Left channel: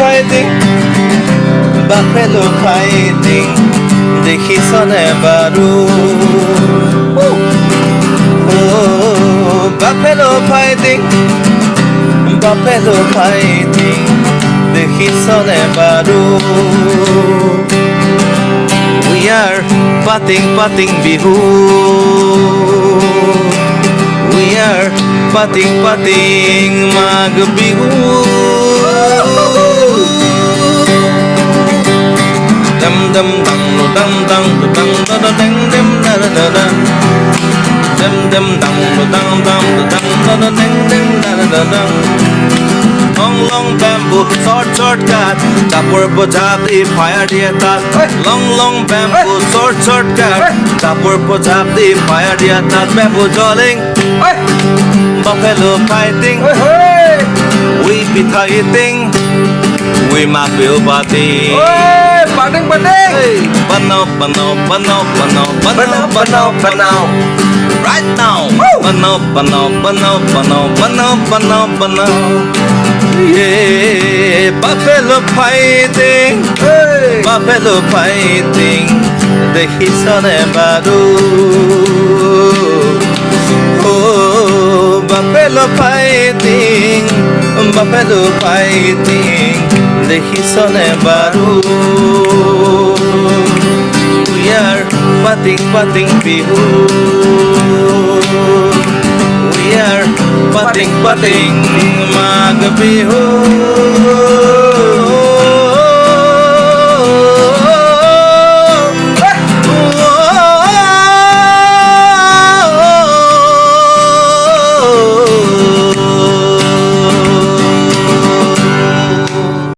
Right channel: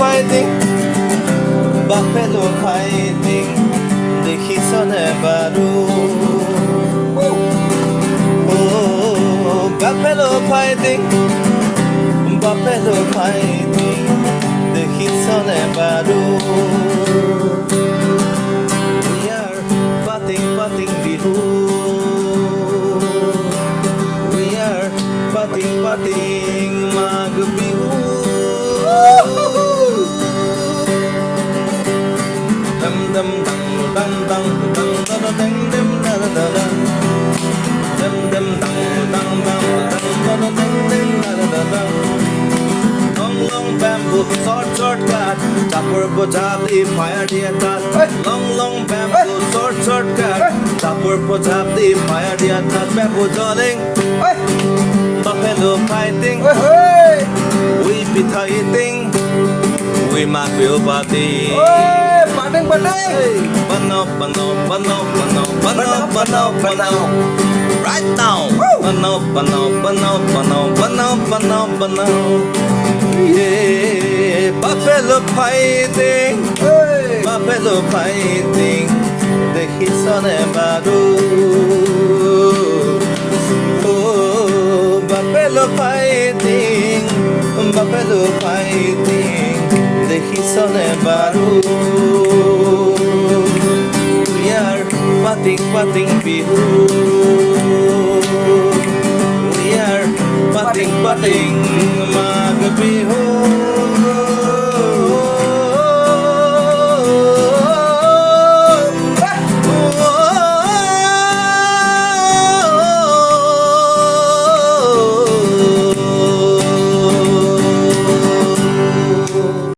fighting, buffalo fighting, the hisone baru. Oh, buffalo fighting, the hisone baru. We are patting bihu. We are patting magbihu. Dum dum dum dum dum dum dum dum dum dum dum dum dum dum dum dum. Long bamboo, short cut. Chopper pojab the fire the tat. Long bamboo, short cut. Chopper pojab the fire the tat. Bamboo jolling, buffalo fighting. We be fighting, we might be partying. Banao. Right now. Banao. Yeah, buffalo fighting, the hisone baru. Oh, buffalo fighting, the hisone baru. We are patting bihu. We are patting magbihu.